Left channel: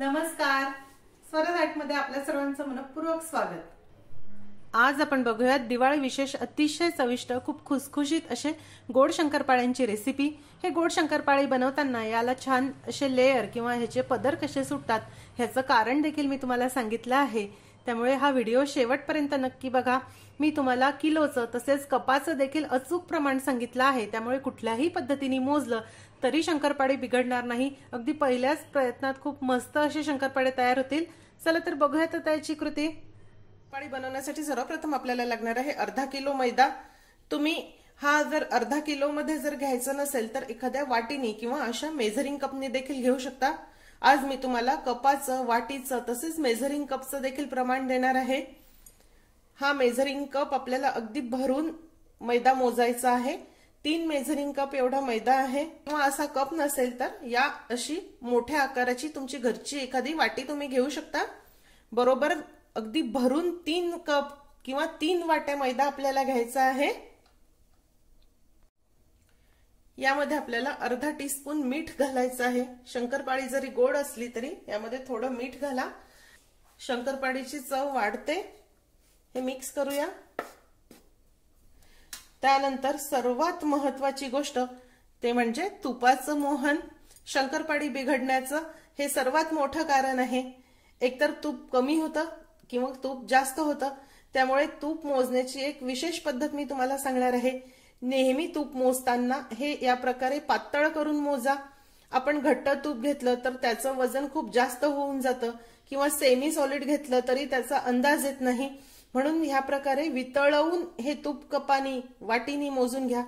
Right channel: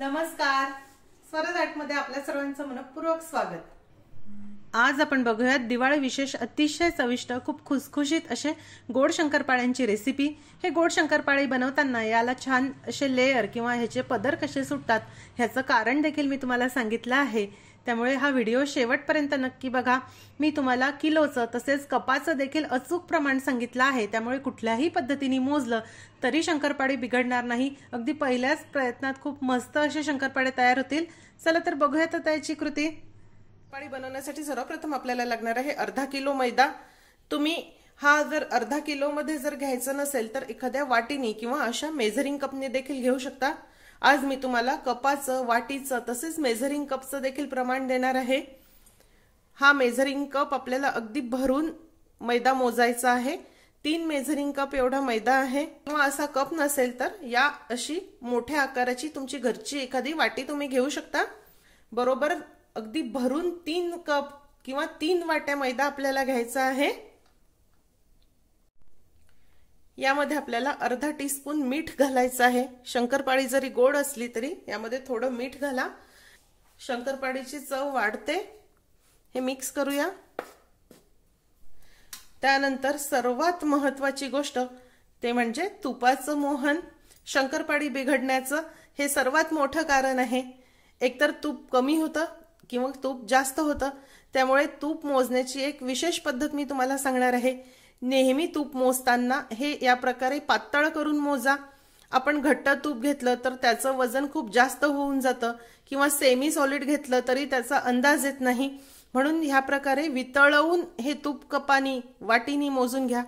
नमस्कार, स्वराज आर्टमध्ये आपल्या सर्वांचं मनपूर्वक स्वागत। आज आपण बघूयात दिवाळी विशेष अतिशय चविष्ट खूप खुसखुशीत असे गोड शंकरपाळ्यांची रेसिपी। हे गोड शंकरपाळी बनवताना याला छान असे लेयर किंवा ह्याचे पदर कसे सुटतात ह्याचं कारण देखील मी तुम्हाला सांगितलं आहे, त्यामुळे हा व्हिडिओ शेवटपर्यंत नक्की बघा। मी तुम्हाला किलोचं तसेच कपाचं देखील अचूक प्रमाण सांगितलं आहे, त्यामुळे कुठल्याही पद्धतीने मोजलं तरी शंकरपाळी बिघडणार नाही। अगदी पहिल्याच प्रयत्नात खूप मस्त असे शंकरपाळे तयार होतील। चला तर बघूया तर त्याची कृती। पाळी बनवण्यासाठी सर्वप्रथम आपल्याला लागणार आहे अर्धा किलो मैदा। तुम्ही हा जर अर्धा किलो मध्ये जर घ्यायचा नसेल तर एखाद्या वाटीनी किंवा अशा मेजरिंग कपने देखील घेऊ शकता। आज मी तुम्हाला कपाचं, वाटीचं तसेच मेजरिंग कपचं देखील प्रमाण देणार आहे। हा मेजरिंग कप आपल्याला अगदी भरून मैदा मोजायचा आहे। 3 मेजरिंग कप एवढा मैदा आहे। किंवा असा कप नसेल तर या अशी मोठ्या आकाराची तुमची घरची एखादी वाटी तुम्ही घेऊ शकता। बरोबर अगदी भरून 3 कप किंवा 3 वाट्या मैदा आपल्याला घ्यायचा आहे। यामध्ये आपल्याला अर्धा टीस्पून मीठ घालायचं आहे। शंकरपाळी जरी गोड असली तरी यामध्ये थोडं मीठ घाला, शंकरपाळीची चव वाढते। हे मिक्स करूया। त्यानंतर सर्वात महत्त्वाची गोष्ट ते म्हणजे तुपाचं मोहन। शंकरपाळी बिघडण्याचं हे सर्वात मोठं कारण आहे। एकतर तूप कमी होतं किंवा तूप जास्त होतं, त्यामुळे तूप मोजण्याची एक विशेष पद्धत मी तुम्हाला सांगणार आहे। नेहमी तूप मोजताना हे या प्रकारे पातळ करून मोजा। आपण घट्ट तूप घेतलं तर त्याचं वजन खूप जास्त होऊन जातं किंवा सेमी सॉलिड घेतलं तरी त्याचा अंदाज येत नाही, म्हणून ह्या प्रकारे वितळवून हे तूप कपानी वाटीनी मोजून घ्या।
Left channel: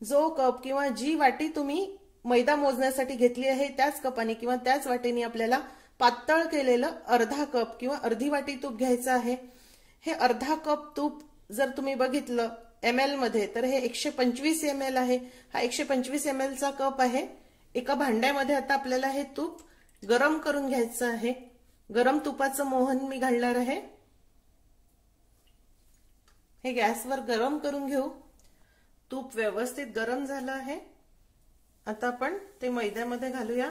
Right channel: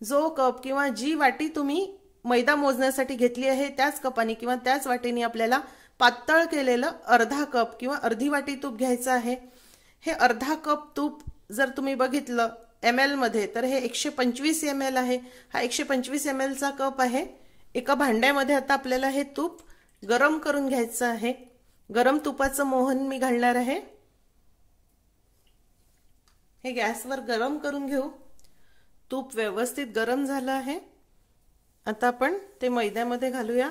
जो कप किंवा जी वाटी तुम्ही मैदा मोजण्यासाठी घेतली आहे त्याच कपानी किंवा त्याच वाटीनी आपल्याला पातळ केलेलं अर्धा कप किंवा अर्धी वाटी तूप घ्यायचं आहे। हे अर्धा कप तूप जर तुम्ही बघितलं ml मध्ये तर हे 125 ml आहे। हा 125 ml चा कप आहे। एका भांड्यामध्ये आता आपल्याला हे तूप गरम करून घ्यायचं आहे। गरम तुपाचं मोहन मी घालणार आहे। हे गॅसवर गरम करून घेऊ। तूप व्यवस्थित गरम झालं आहे। आता आपण ते मैद्यामध्ये घालूया।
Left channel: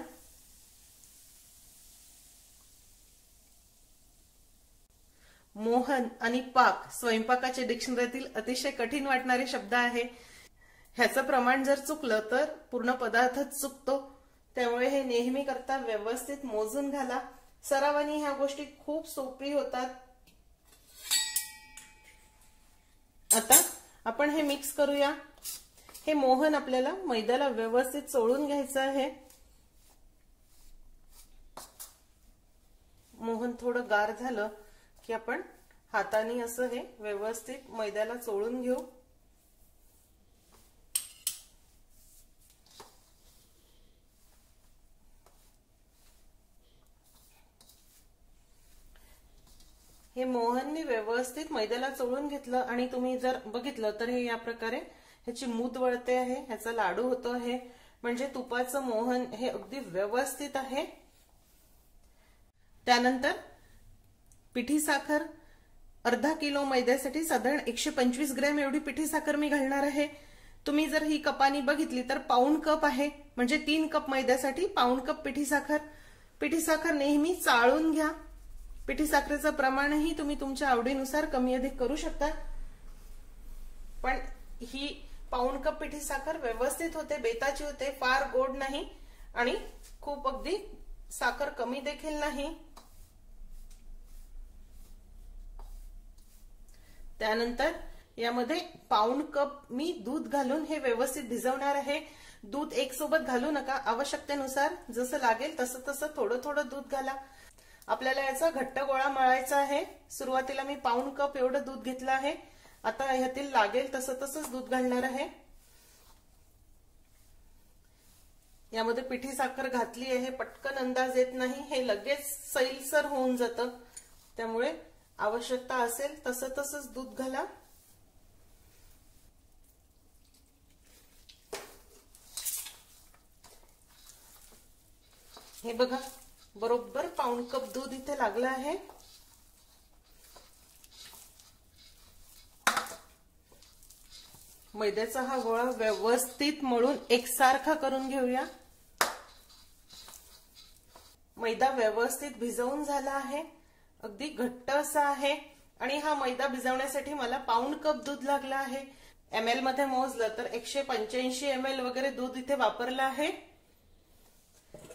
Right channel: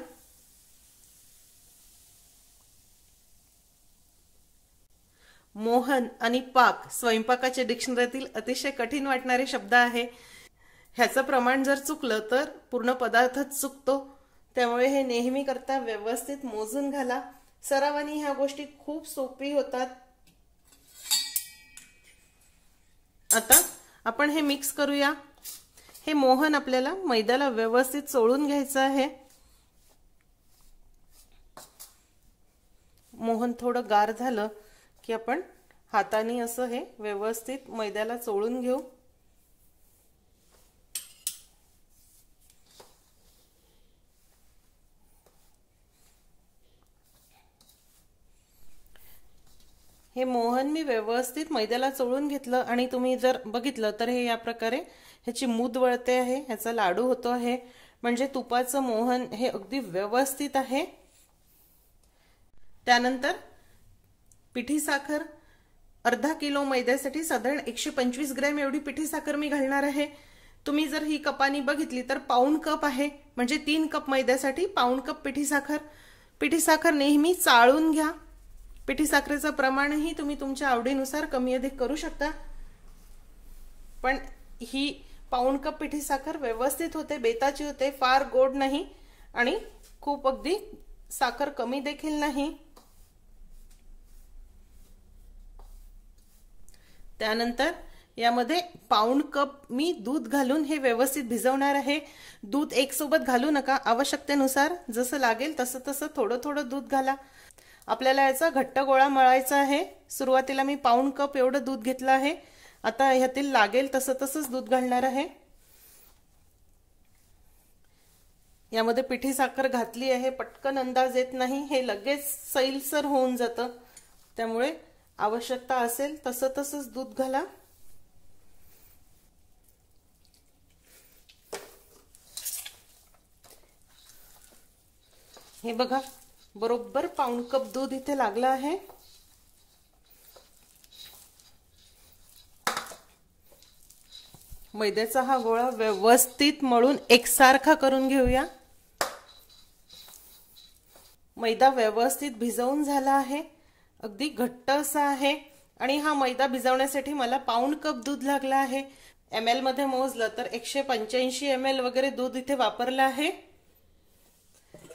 मोहन आणि पाक स्वयंपाकाच्या डिक्शनरीतील अतिशय कठीण वाटणारे शब्द आहे। ह्याचं प्रमाण जर चुकलं तर पूर्ण पदार्थच चुकतो, त्यामुळे हे नेहमी करता व्यवस्थित मोजून घाला। सरावानी ह्या गोष्टी खूप सोपी होतात। आता आपण हे मिक्स करूया। हे मोहन आपल्याला मैद्याला व्यवस्थित चोळून घ्यायचं आहे। मोहन थोडं गार झालं की आपण हाताने असं हे व्यवस्थित मैद्याला चोळून घेऊ। हे मोहन मी व्यवस्थित मैद्याला चोळून घेतलं आणि तुम्ही जर बघितलं तर हे या प्रकारे ह्याची मूद वळते आहे, ह्याचा लाडू होतो आहे, म्हणजे तुपाचं मोहन हे अगदी व्यवस्थित आहे। त्यानंतर पिठी साखर अर्धा किलो मैद्यासाठी साधारण 125 ग्रॅम एवढी पिठी साखर मी घालणार आहे। तुम्ही जर ही कपानी बघितली तर पाऊण कप आहे, म्हणजे 3 कप मैद्यासाठी पाऊण कप पिठी साखर। पिठी साखर नेहमी चाळून घ्या। पिठी साखरेचं प्रमाणही तुम्ही तुमच्या आवडीनुसार कमी अधिक करू शकता, पण ही पाऊण कप पिठी साखर व्यवस्थित होते, बेताची होते, फार गोड नाही आणि खूप अगदी साखर कमी देखील नाही। त्यानंतर यामध्ये पाऊण कप मी दूध घालून हे व्यवस्थित भिजवणार आहे। दूध एक सोबत घालू नका, आवश्यकतेनुसार जसं लागेल तसं तसं थोडं थोडं दूध घाला। आपल्याला याचा घट्ट गोळा मळायचा आहे। सुरुवातीला मी पाऊण कप एवढं दूध घेतलं आहे। आता ह्यातील लागेल तसं तसंच दूध घालणार आहे। यामध्ये पिठी साखर घातली आहे, पटकन अंदाज येत नाही, हे लगेच सैलसर होऊन जातं, त्यामुळे आवश्यकता असेल तसं तसंच दूध घाला। हे बघा बरोबर पाऊण कप दूध इथे लागलं आहे। मैद्याचा हा गोळा व्यवस्थित मळून एकसारखा करून घेऊया। मैदा व्यवस्थित भिजवून झाला आहे, अगदी घट्ट असा आहे आणि हा मैदा भिजवण्यासाठी मला पाऊण कप दूध लागला आहे। ml मध्ये मोजलं तर 185 ml वगैरे दूध इथे वापरलं आहे।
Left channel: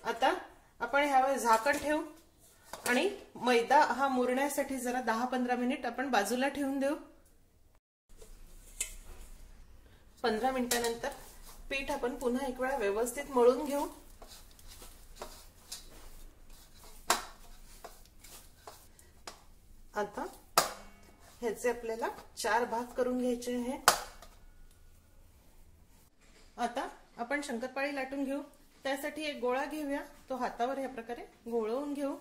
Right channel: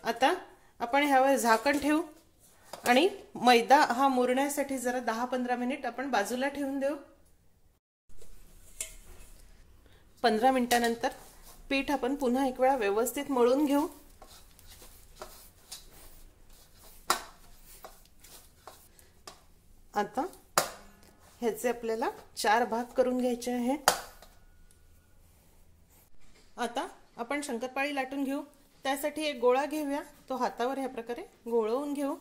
आता आपण ह्यावर झाकण ठेवू आणि मैदा हा मुरण्यासाठी जरा 10-15 मिनिट आपण बाजूला ठेवून देऊ। 15 मिनिटांनंतर पीठ आपण पुन्हा एक वेळा व्यवस्थित मळून घेऊ। आता ह्याचे आपल्याला 4 भाग करून घ्यायचे आहे। आता आपण शंकरपाळी लाटून घेऊ। त्यासाठी एक गोळा घेऊया, तो हातावर ह्या प्रकारे गोळवून घेऊ,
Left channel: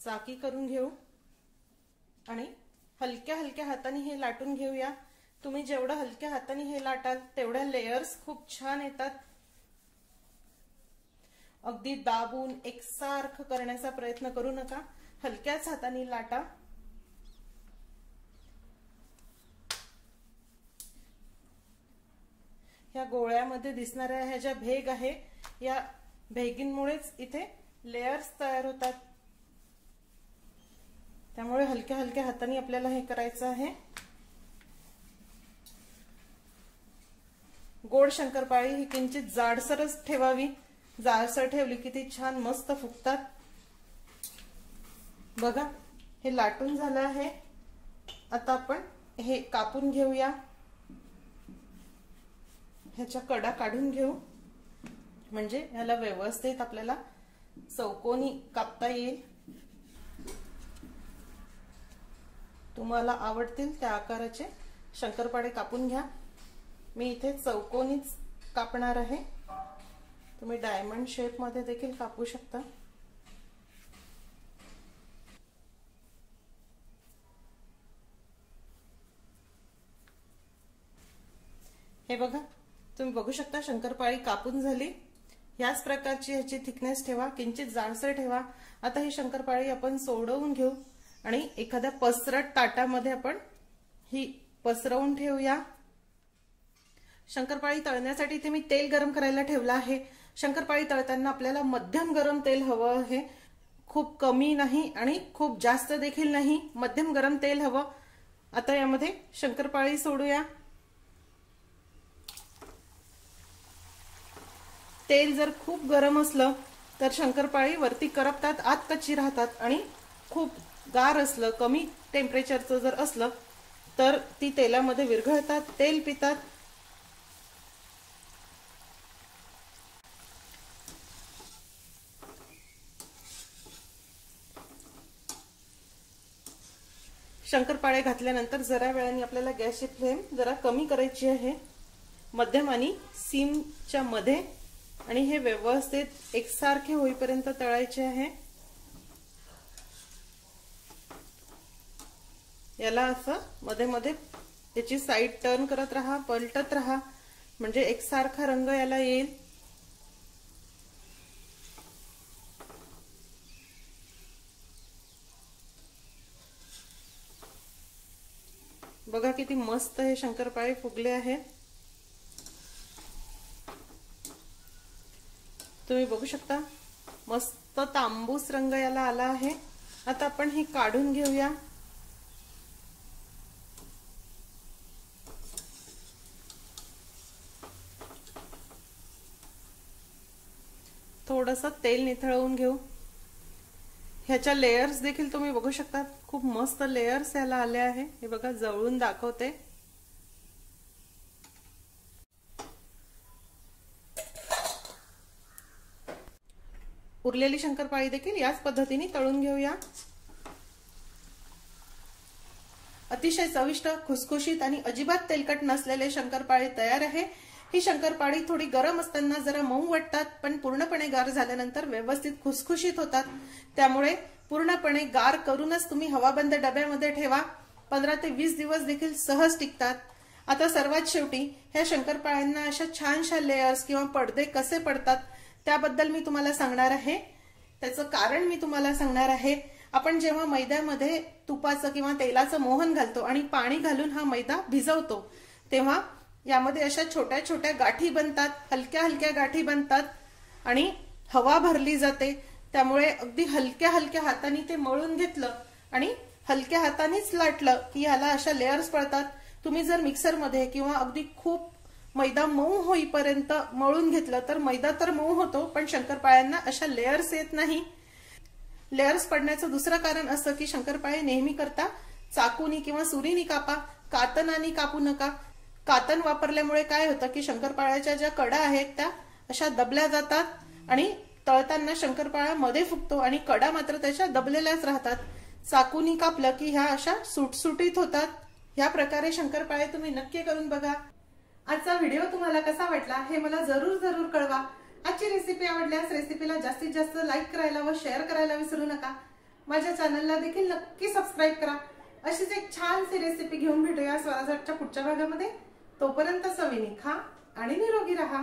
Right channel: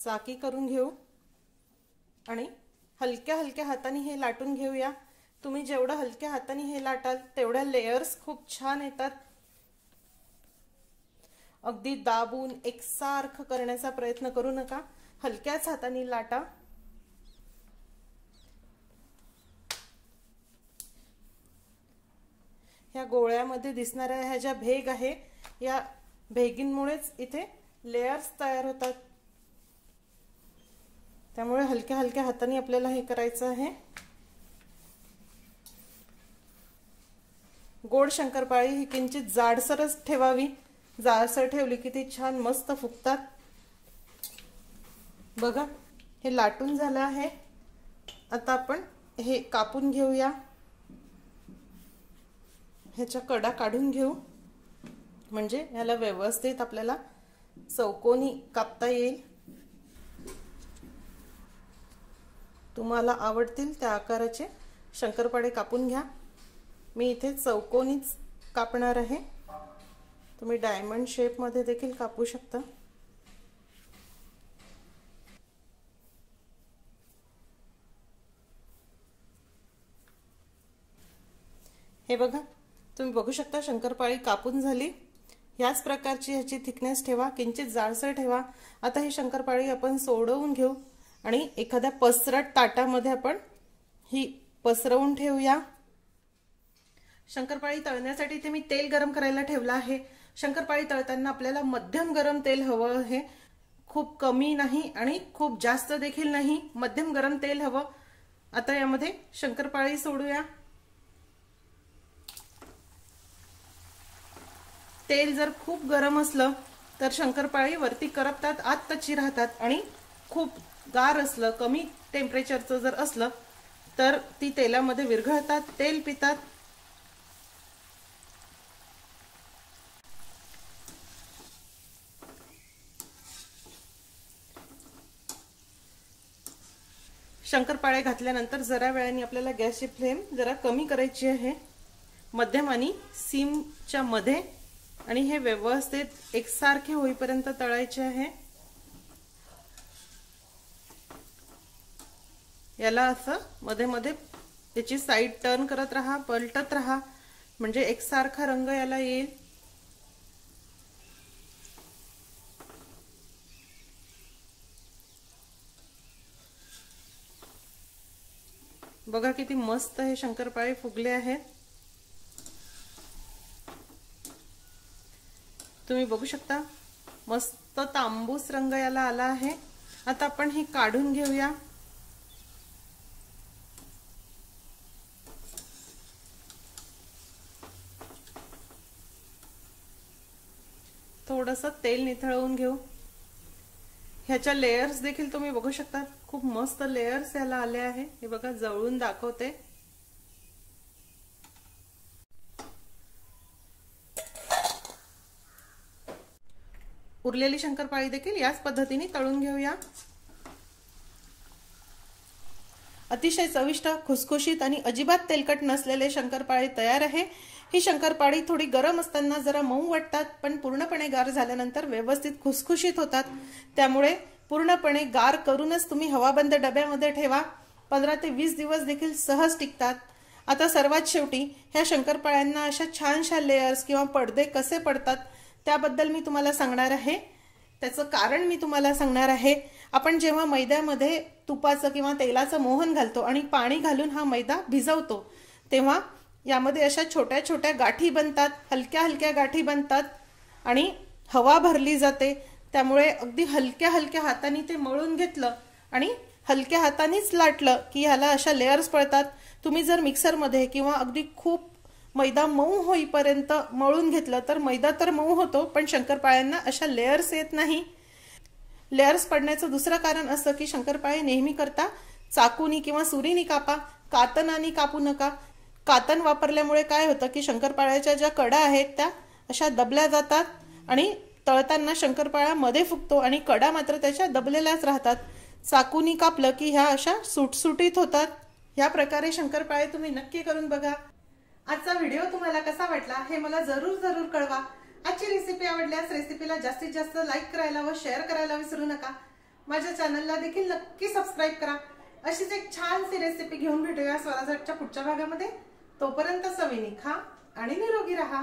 चाकी करून घेऊ आणि हलक्या हलक्या हाताने हे लाटून घेऊया। तुम्ही जेवढं हलक्या हाताने हे लाटाल तेवढ्या लेयर्स खूप छान येतात। अगदी दाबून एकसारखं करण्याचा प्रयत्न करू नका, हलक्याच हाताने लाटा। या गोळ्यामध्ये दिसणाऱ्या ह्या ज्या भेग आहे, या भेगींमुळेच इथे लेयर्स तयार होतात। त्यामुळे हलक्या हलक्या हाताने आपल्याला हे करायचं आहे। गोड शंकरपाळी ही किंचित जाडसरच ठेवावी, जाडसर ठेवली की ती छान मस्त फुगतात। बघा हे लाटून झालं आहे। आता आपण हे कापून घेऊया, ह्याच्या कडा काढून घेऊ, म्हणजे याला व्यवस्थित आपल्याला चौकोनी कापता येईल। तुम्हाला आवडतील त्या आकाराचे शंकरपाळे कापून घ्या। मी इथे चौकोनीच कापणार आहे, तुम्ही डायमंड शेप मध्ये देखील कापू शकता। हे बघा, तुम्ही बघू शकता शंकरपाळी कापून झाली। याच प्रकारची ह्याची थिकनेस ठेवा, किंचित जाडसर ठेवा। आता ही शंकरपाळी आपण सोडवून घेऊ आणि एखाद्या पसरट ताटामध्ये आपण ही पसरवून ठेवूया। शंकरपाळी तळण्यासाठी इथे मी तेल गरम करायला ठेवलं आहे। शंकरपाळी तळताना आपल्याला मध्यम गरम तेल हवं आहे, खूप कमी नाही आणि खूप जास्त देखील नाही, मध्यम गरम तेल हवं। आता यामध्ये शंकरपाळी सोडूया। तेल जर खूप गरम असलं तर शंकरपाळी वरती करपतात, आत कच्ची राहतात आणि खूप गार असलं, कमी टेम्परेचरचं जर असलं तर ती तेलामध्ये विरघळतात, तेल पितात। शंकरपाळे घातल्यानंतर जरा वेळाने आपल्याला गॅसची फ्लेम जरा कमी करायची आहे, मध्यम आणि सिमच्या मध्ये, आणि हे व्यवस्थित एकसारखे होईपर्यंत तळायचे आहे। याला असं मध्ये मध्ये याची साइड टर्न करत राहा, पलटत राहा, म्हणजे एकसारखा रंग याला येईल। बघा किती मस्त हे शंकरपाळे फुगले आहे। तुम्ही बघू शकता मस्त तांबूस रंग याला आला आहे। आता आपण हे काढून घेऊया। थोडंसं तेल निथळवून घेऊ। ह्याच्या लेयर्स देखील तुम्ही बघू शकता, खूप मस्त लेयर्स याला आले आहे। हे बघा, जवळून दाखवते। उरलेली शंकरपाळी देखील याच पद्धतीने तळून घेऊया। अतिशय चविष्ट, खुसखुशीत आणि अजिबात तेलकट नसलेले शंकरपाळे तयार आहे। ही शंकरपाळी थोडी गरम असताना जरा मऊ वाटतात, पण पूर्णपणे गार झाल्यानंतर व्यवस्थित खुसखुशीत होतात। त्यामुळे पूर्णपणे गार करूनच तुम्ही हवाबंद डब्यामध्ये ठेवा, 15 ते 20 दिवस देखील सहज टिकतात। आता सर्वात शेवटी ह्या शंकरपाळ्यांना अशा छानशा लेयर्स किंवा पडदे कसे पडतात त्याबद्दल मी तुम्हाला सांगणार आहे। त्याचं कारण मी तुम्हाला सांगणार आहे। आपण जेव्हा मैद्यामध्ये तुपाचं किंवा तेलाचं मोहन घालतो आणि पाणी घालून हा मैदा भिजवतो, तेव्हा यामध्ये अशा छोट्या छोट्या गाठी बनतात, हलक्या हलक्या गाठी बनतात आणि हवा भरली जाते। त्यामुळे अगदी हलक्या हलक्या हाताने ते मळून घेतलं आणि हलक्या हातानेच लाटलं की ह्याला अशा लेयर्स पडतात. तुम्ही जर मिक्सरमध्ये किंवा अगदी खूप मैदा मऊ होईपर्यंत मळून घेतलं तर मैदा तर मऊ होतो, पण शंकरपाळ्यांना अशा लेयर्स येत नाही. लेयर्स पडण्याचं दुसरं कारण असं की शंकरपाळे नेहमी करता चाकूनी किंवा सुरीनी कापा, कातनाने कापू नका. कातन वापरल्यामुळे काय होतं की शंकरपाळ्याच्या ज्या कडा आहेत त्या अशा दबल्या जातात आणि तळताना शंकरपाळा मध्ये फुगतो आणि कडा मात्र त्याच्या दबलेल्याच राहतात. चाकूनी कापलं की ह्या अशा सुटसुटीत होतात. या प्रकारे शंकरपाळे तुम्ही नक्की करून बघा. आजचा व्हिडिओ तुम्हाला कसा वाटला हे मला जरूर कळवा. आजची रेसिपी आवडल्यास रेसिपीला जास्तीत जास्त लाईक करायला व शेअर करायला विसरू नका. माझ्या चॅनलला देखील नक्की सबस्क्राईब करा. अशीच एक छानशी रेसिपी घेऊन भेटूया स्वराजच्या पुढच्या भागामध्ये. तोपर्यंत चवीने खा आणि निरोगी राहा.